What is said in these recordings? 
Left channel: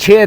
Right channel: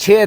6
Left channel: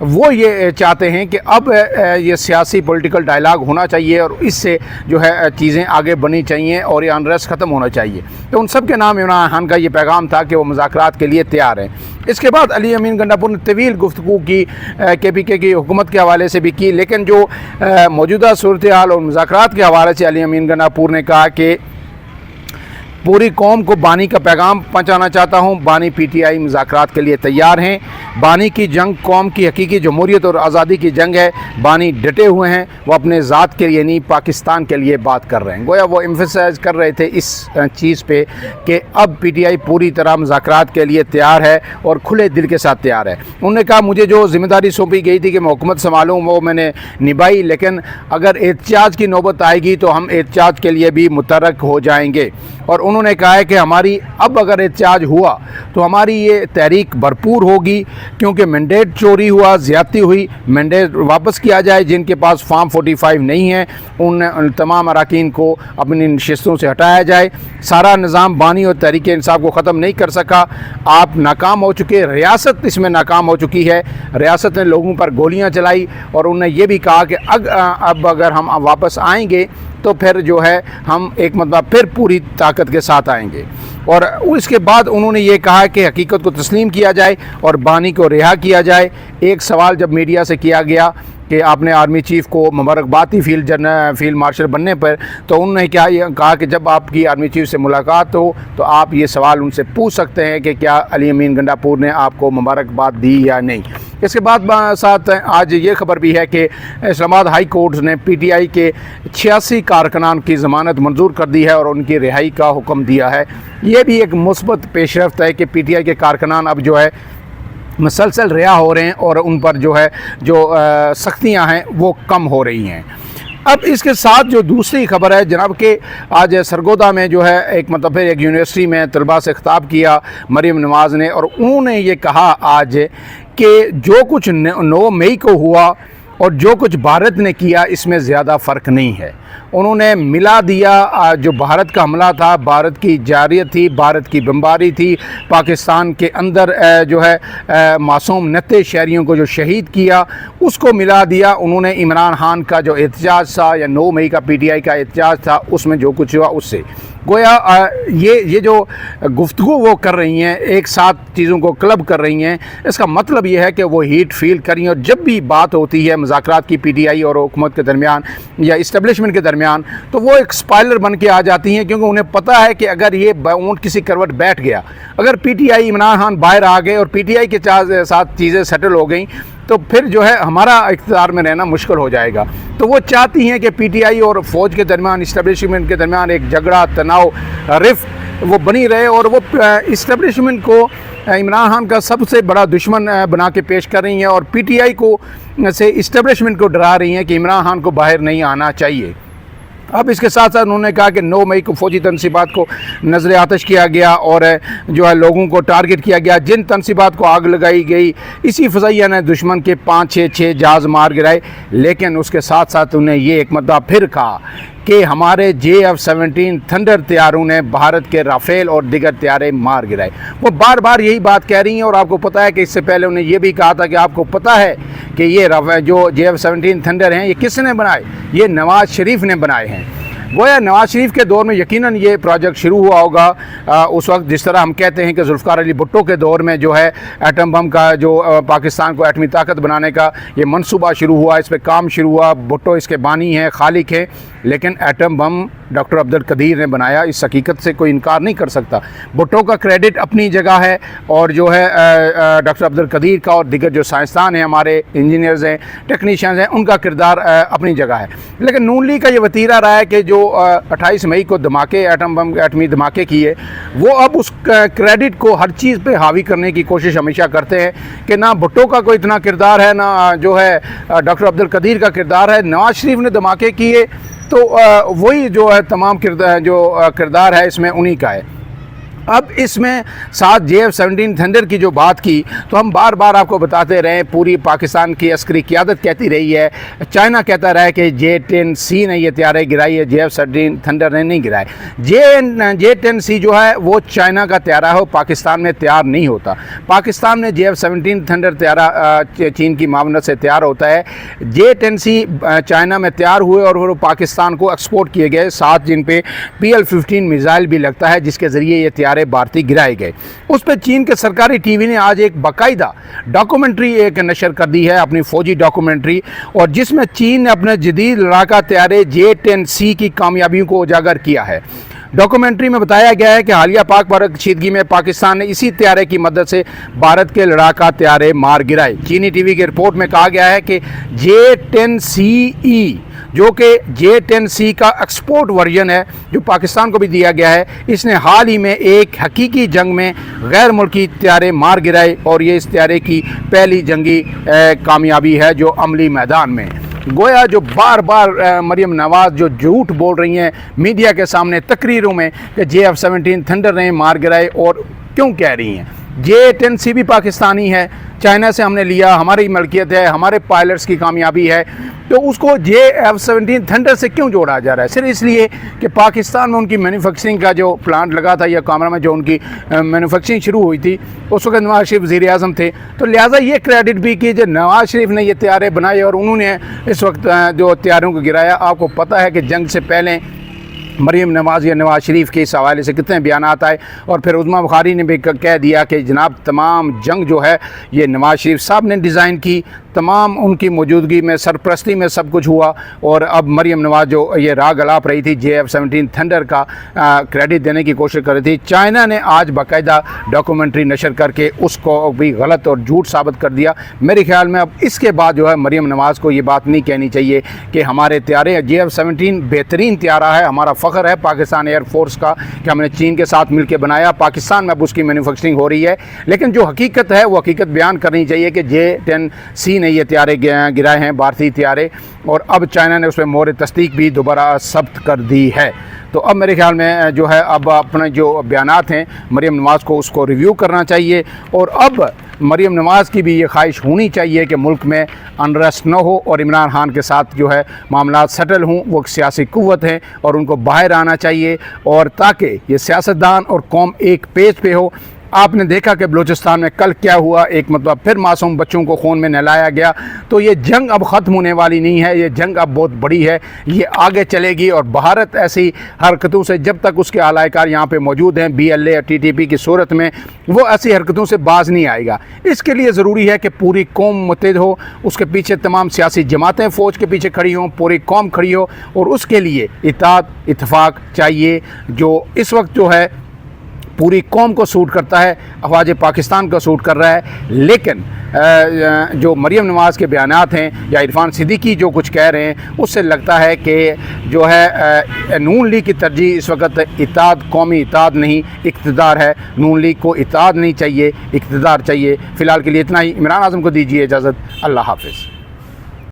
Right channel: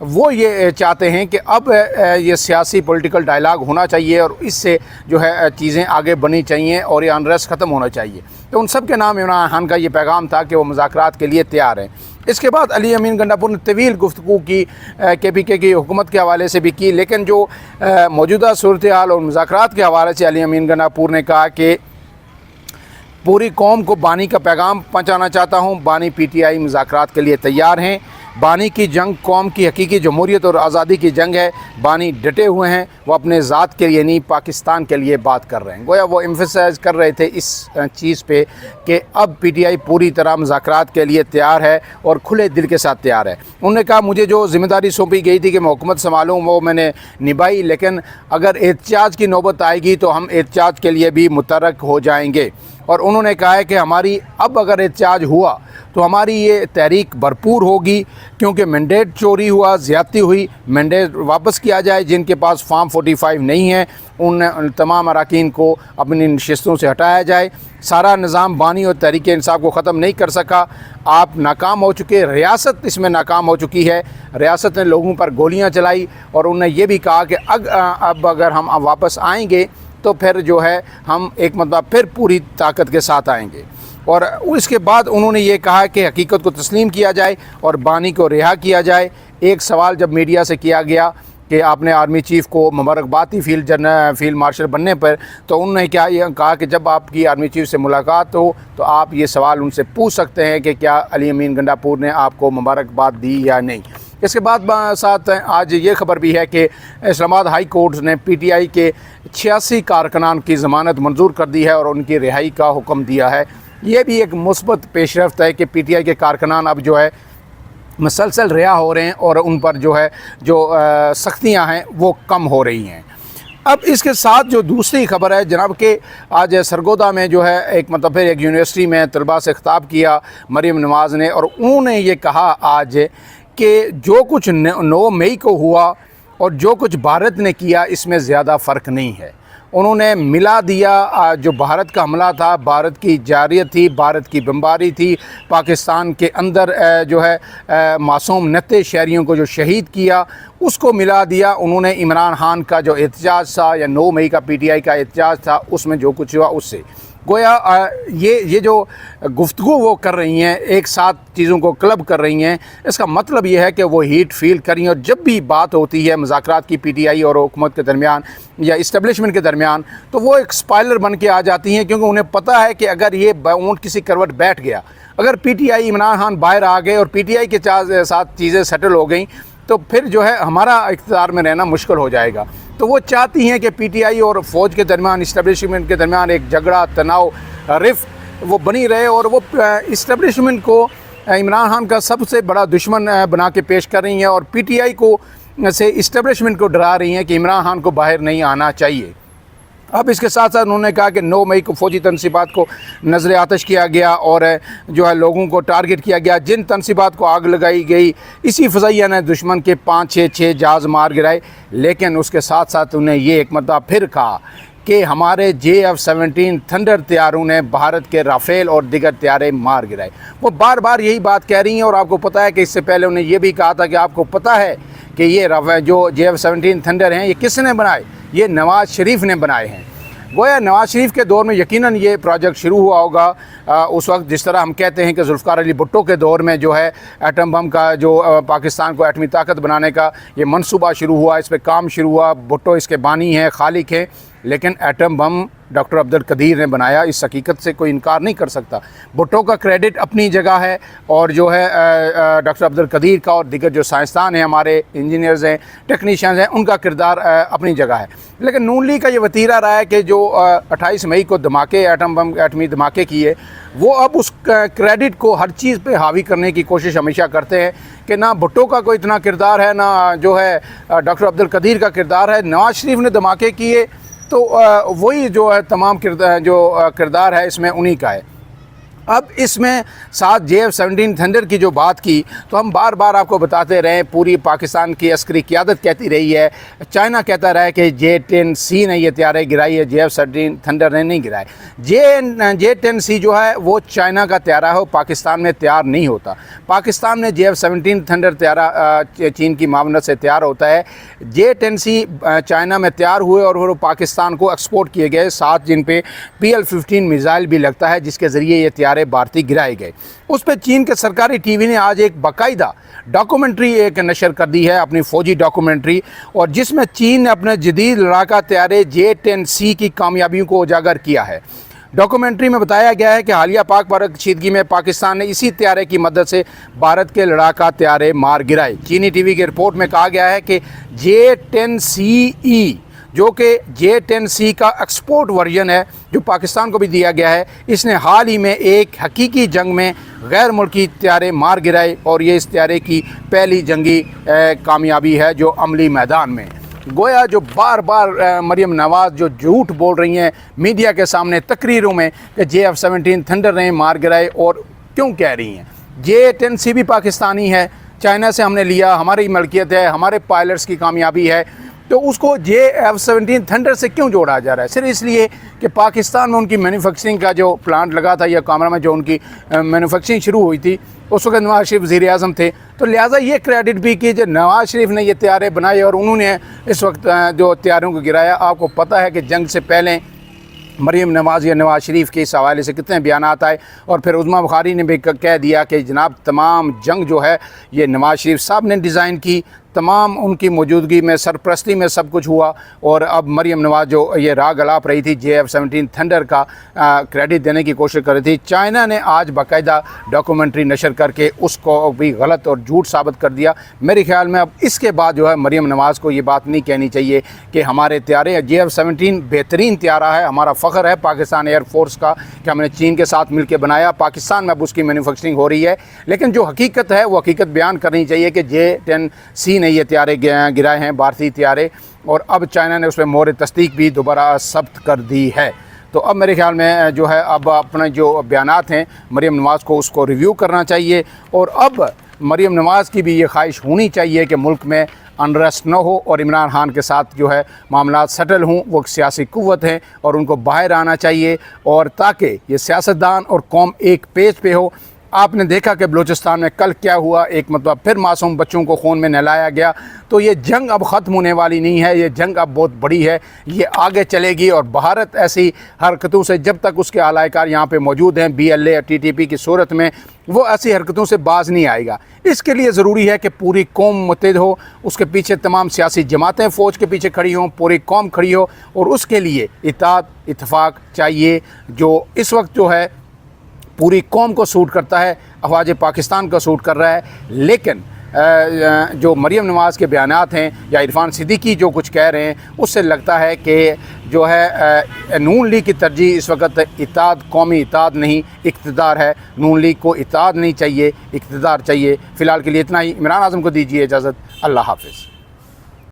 وہ یہ چاہتے ہیں کہ اب یہ سیاسی پولیٹیکل ڈائلاگ ہونا چاہیے اور اس سے جو ہے چیزیں آگے بڑھنی چاہیے اور یہ انریسٹ ختم ہونا چاہیے۔ تو ان سب کے نام عمران خان کا یہ پیغام تھا کہ وہ مذاکرات کے لیے تیار ہیں۔ اس کے بعد علی امین گنڈاپور نے طویل گفتگو کی کے پی کے کی حکومت کے حوالے سے بھی کی، لیکن جو موجودہ صورتحال اور مذاکرات کے حوالے سے علی امین گنڈاپور نے کہا کہ پوری قوم کو بانی کا پیغام پہنچانا چاہتا ہوں، بانی پی ٹی آئی مذاکرات کے لیے تیار ہیں۔ بانی کی جنگ قوم کی حقیقی جمہوریت اور آزادی کی جنگ ہے، بانی ڈٹے ہوئے ہیں، وہ اپنے ذات کے یعنی پاکستان کے لیے بات کر رہے ہیں۔ گویا وہ ایمفیسائز کر رہے تھے اس چیز پہ کہ اب پی ٹی آئی پوری طرح مذاکرات کے لیے تیار ہے اور کھلے دل کے ساتھ تیار ہے۔ انہوں نے کہا مجھے جو ذمہ داری سونپی گئی تھی کہ میں حکومت سنبھالوں وہ میں نے نبھائی، لیکن اگر احتجاج کی نوبت آئے گی تو ہم احتجاج کے لیے بھی متحرک ہو جائیں گے۔ اور انہوں نے کہا ہے کہ ہماری اب اگر احتجاج ہوا تو ہماری یہ تحریک بھرپور ہوگی، کیونکہ مینڈیٹ چوری ہوا، زیادتی ہوئی، مینڈیٹ واپس کیا جائے، جن کے پاس فارم 45 نہیں ہے ان تمام اراکین کو اپنی نشستوں سے ہٹایا جائے۔ سارا نظام بانی اور تحریک انصاف کو ختم نہیں کر سکا، آپ ناکام ہو چکے، ریاست اس میں ناکام ہو چکی ہے، ریاست نے لوگوں پر گولیاں چلائی، اور انہوں نے یہ بھی کہا کہ اب اگر ہم واپس آئیں گے تو پھر جو ہے ہم ایک مرتبہ پھر پوری طاقت کے ساتھ آئیں گے۔ اور اس کے بعد انہوں نے یہ کہا کہ حقیقت کو تسلیم کیا جائے اور بانی کو رہا کیا جائے۔ ایک سوال جب میڈیا سے کیا گیا کہ آپ نے آرمی چیف کو مبارکباد دی فیلڈ مارشل بننے پر، تو انہوں نے کہا کہ جب آپ کی آرمی چیف سے ملاقات ہو تو آپ یہ سوال ان سے پوچھ سکتے ہیں کہ کیا علی امین گنڈاپور نے آپ کو مبارکباد دی یا نہیں۔ اس کے بعد ساتھ آج یہ خبر بھی ہے کہ اسلام آباد ہائی کورٹ نے پی ٹی آئی کے 86 کارکنان کی ضمانت منظور کر دی ہے اور ان کی رہائی کا حکم دیا ہے۔ یہ بھی ایک مثبت پیش رفت ہے کہ پی ٹی آئی کے کارکنان اب جو ہے مسلسل رہا ہو رہے ہیں اور ان پر جو ہے جو سختیاں ہیں وہ کم ہو رہی ہیں۔ اب اس کے ساتھ جو دوسری خبر ہے جناب کہ آج سرگودا میں جو ہے ایک یونیورسٹی میں طلباء سے خطاب کیا مریم نواز نے، اور انہوں نے یہ کہا آج کہ جو کچھ 9 مئی کو ہوا اور جو کچھ بھارت نے کیا اس میں زیادہ فرق نہیں ہے۔ انہوں نے ملا دیا جو بھارت کا حملہ تھا، بھارت کی جارحیت تھی، بھارت کی بمباری تھی، پاکستان کے اندر جو ہے معصوم نتے شہریوں کو جو شہید کیا اس کو ملا دیا۔ انہوں نے عمران خان کا جو احتجاج تھا یا 9 مئی کا پی ٹی آئی کا احتجاج تھا اس میں جو کچھ ہوا اس سے گویا یہ جو گفتگو وہ کر رہی ہیں، ایک ساتھ چیزوں کو کلب کر رہی ہیں، اس کا مطلب یہ ہے کہ وہ ہیٹ فیل کر رہی ہیں۔ اور جب بھی بات ہوتی ہے مذاکرات کی پی ٹی آئی اور حکومت کے درمیان یا اسٹیبلشمنٹ کے درمیان تو وہ ایک اسپائلر بن کے آ جاتی ہیں، کیونکہ انہیں پتہ ہے کہ اگر یہ اونٹ کسی کروٹ بیٹھ گیا، اگر P T I Imran Khan باہر آ گئے اور پی ٹی آئی کے ساتھ چیزیں سیٹل ہو گئیں تو پھر جو ہے ہمارا اقتدار میں رہنا مشکل ہو جائے گا۔ تو وہ چاہتی ہیں کہ پی ٹی آئی اور فوج کے درمیان، اسٹیبلشمنٹ کے درمیان ایک جھگڑا، تناؤ، رفت وہ بنی رہے، اور وہ اسٹیبلشمنٹ کو عمران خان کا سب سے بڑا دشمن بنا کے پیش کر رہی ہیں، اور پی ٹی آئی کو سے اسٹیبلشمنٹ کو ڈرا رہی ہیں کہ عمران خان کو باہر نہیں آنا چاہیے۔ اب اس کے ساتھ ساتھ انہوں نے کہا کہ 9 مئی کو فوجی تنصیبات کو نظر آتش کیا گیا اور جو ہے لوگوں کو ٹارگٹ کیا گیا، جن تنصیبات کو آگ لگائی گئی اسی فضائیہ نے دشمن کے 5-6 جہاز مار گرائے۔ لیکن اس کے ساتھ ساتھ انہیں یہ ایک مدعا پھر کہا کہ ہمارے JF-17 تھنڈر طیاروں نے بھارت کے رافیل اور دیگر طیارے مار گرائے۔ وہ بار بار یہی بات کہہ رہی ہیں، اور آپ کو پتہ ہے کہ اس سے پہلے انہیں یہ بھی کہا تھا کہ آپ کو پتہ ہے کہ یہ جو JF-17 تھنڈر ہیں یہ کس نے بنائے؟ یہ نواز شریف نے بنائے ہیں۔ گویا نواز شریف کے دور میں یقیناً یہ پروجیکٹ شروع ہوا ہوگا، اس وقت جس طرح ہم کہتے ہیں کہ ذوالفقار علی بھٹو کے دور میں جو ہے ایٹم بم کا جو پاکستان کو ایٹمی طاقت بنانے کا یہ منصوبہ شروع ہوا، اس پہ کام شروع ہوا، بھٹو اس کے بانی ہیں، خالق ہیں، لیکن ایٹم بم ڈاکٹر عبدالقدیر نے بنایا، اس حقیقت سے کوئی انکار نہیں کر سکتا۔ بھٹو کا کریڈٹ اپنی جگہ ہے، اور جو ہے ڈاکٹر عبدالقدیر کا اور دیگر جو سائنسدان ہیں، ہمارے انجینئرز ہیں، ٹیکنیشینز ہیں، ان کا کردار اپنی جگہ ہے۔ لیکن نون لیگ کا یہ وتیرہ رہا ہے کہ جو 28 مئی کو دھماکے ایٹمی دھماکے کیے، وہ اب اس کریڈٹ کو ہر چیز پہ حاوی کرنے کی کوشش ہمیشہ کرتے ہیں کہ نہ بھٹو کا کوئی اتنا کردار ہے، نہ جو ہے ڈاکٹر عبدالقدیر کا کردار ہے۔ نواز شریف نے دھماکے کیے تو وہی جو ہے تمام کردار ہے اس میں انہی کا ہے۔ اب اس میں ساتھ JF-17 تھنڈر کی جو بات کی تو ہم بار بار آپ کو بتاتے رہے، پوری پاکستان کی عسکری قیادت کہتی رہی ہے، چائنا کہتا رہا ہے کہ J-10C نے یہ طیارے گرائی ہے، JF-17 تھنڈر نے نہیں گرائے۔ J-10C جو ہے وہ چائنا کا طیارہ ہے، پاکستان میں تیار نہیں ہوتا۔ پاکستان میں JF-17 تھنڈر طیارہ چین کی معاونت سے تیار ہوتا ہے۔ J-10C چائنا میں تیار ہوئے اور وہ پاکستان کو ایکسپورٹ کیے گئے، ساتھ جن پہ PL-15 میزائل بھی لگتا ہے، جس کے ذریعے یہ طیارے بھارتی گرائے گئے۔ اس پہ چین کے سرکاری ٹی وی نے آج ایک باقاعدہ ڈاکومنٹری نشر کر دی ہے، اپنی فوجی ڈاکومنٹری، اور جس میں چین نے اپنے جدید لڑاکا طیارے J-10C کی کامیابیوں کو اجاگر کیا ہے۔ ڈاکومنٹری میں بتایا گیا ہے کہ حالیہ پاک بھارت کشیدگی میں پاکستان نے اسی طیارے کی مدد سے بھارت کے لڑاکا طیارے مار گرائے۔ چینی ٹی وی کی رپورٹ میں کہا گیا ہے کہ J-10CE جو کہ J-10C کا ایکسپورٹ ورژن ہے، جو پاکستان کو بھی دیا گیا ہے، اس نے حال ہی میں ایک حقیقی جنگ میں غیر ملکی طیارے مار گرائے، اور یہ اس طیارے کی پہلی جنگی کامیابی ہے جو عملی میدان میں۔ گویا جو بار بار مریم نواز جو جھوٹ بول رہی ہیں میڈیا کے سامنے تقریروں میں کہ JF-17 تھنڈر نے مار گرائے، اور کیوں کہہ رہی ہیں؟ J-10C بھی پاکستانی ہے، چائنا سے ہم نے لیا، ہماری ملکیت ہے، ہمارے پائلٹس کی کامیابی ہے، تو اس کو JF-17 تھنڈر سے کیوں جوڑا جا رہا ہے؟ صرف اس لیے کہ پاکستان میں ان کی مینوفیکچرنگ کا جو پلانٹ لگا تھا، یا کامرا میں جو ان کی مینوفیکچرنگ شروع ہوئی تھی، اس وقت نواز شریف وزیر اعظم تھے، تو لہٰذا یہ کریڈٹ بھی کہ نواز شریف نے یہ طیارے بنائے اور انہوں نے اس وقت جو طیاروں کو گرایا۔ آپ کو پتہ ہے کہ جنگ سے پہلے مریم نواز یا نواز شریف کے اس حوالے سے کتنے بیانات آئے، اور پھر عظمیٰ بخاری نے بھی کہہ دیا کہ جناب تمام جنگ جو ہے یہ نواز شریف صاحب نے ڈیزائن کی، تمام ان کی موجودگی میں، سرپرستی میں سب کچھ ہوا، اور اب مریم نواز جو یہ راگ الاپ رہی تھی JF-17 تھنڈر کا کریڈٹ دینے کی کوشش کر رہی تھی، چائنا نے آج باقاعدہ ڈاکومنٹری نشر کر کے اس کو بھی غلط اور جھوٹ ثابت کر دیا۔ میرے خیال میں اب اس کے بعد جو ہے مریم نواز کو یہ بات نہیں کہنی چاہیے کہ ہمارے طیارے JF-17 بہترین طیارہ ہے، ہمارا فخر ہے پاکستان ایئر فورس کا کہ ہم نے چین کے ساتھ مل کے بنایا، پاکستان میں اب اس کی مینوفیکچرنگ ہو رہی ہے، لیکن جو حقیقت ہے وہ حقیقت بیان کرنی چاہیے کہ J-10C نے یہ طیارے گرائے ہیں، بھارتی طیارے، اور اب چائنا نے اس پہ مہر تصدیق بھی دوبارہ ثبت کر دی ہے۔ تو اب میرے خیال میں جو ہے اب اپنے جو بیانات ہیں مریم نواز کو اس کو ریویو کرنا چاہیے، اور اب مریم نواز کی بھی یہ خواہش ہونی چاہیے کہ ملک میں انریسٹ نہ ہو اور عمران خان کے ساتھ جو ہے معاملات سیٹل ہوں۔ وہ ایک سیاسی قوت ہیں اور ان کو باہر آنا چاہیے، اور تاکہ یہ سیاستدان اور قوم ایک پیج پہ ہو۔ آپ نے دیکھا کہ بلوچستان میں کل کیا ہوا، ایک مطلب پھر معصوم بچوں کو خون میں نہلایا گیا۔ تو یہ جنگ اب ختم ہونے والی نہیں ہے، یہ جنگ اب بہت بڑی ہے، یہ آگے چلے گی، اور بھارت ایسی حرکتوں سے جب تک اس کے اعلی کار یہاں پہ موجود ہیں BLA اور TTP کی صورت میں، وہ ایسی حرکتوں سے باز نہیں آئے گا۔ اس کے لیے ضروری ہے کہ پوری قوم متحد ہو، اس کے پیچھے تمام سیاسی جماعتیں فوج کے پیچھے کھڑی ہوں، پوری قوم کھڑی ہو، اور اس کے لیے اتحاد اتفاق چاہیے، جو اس وقت جو ہے پوری قوم کو سوٹ کرتا ہے، افواج پاکستان کو سوٹ کر رہا ہے۔ لیکن جو مریم نواز کے بیانات ہیں یا عرفان صدیقی جو کچھ کہہ رہے ہیں، اس سے لگتا ہے کہ جو ہے نون لیگ کی ترجیح اس وقت اتحاد، قومی اتحاد نہیں اقتدار ہے۔ نون لیگ کو اتحاد نہیں چاہیے، اقتدار چاہیے۔ فی الحال کے لیے اتنا ہی۔ عمران اعظم کو دیجیے اجازت۔ اللہ حافظ۔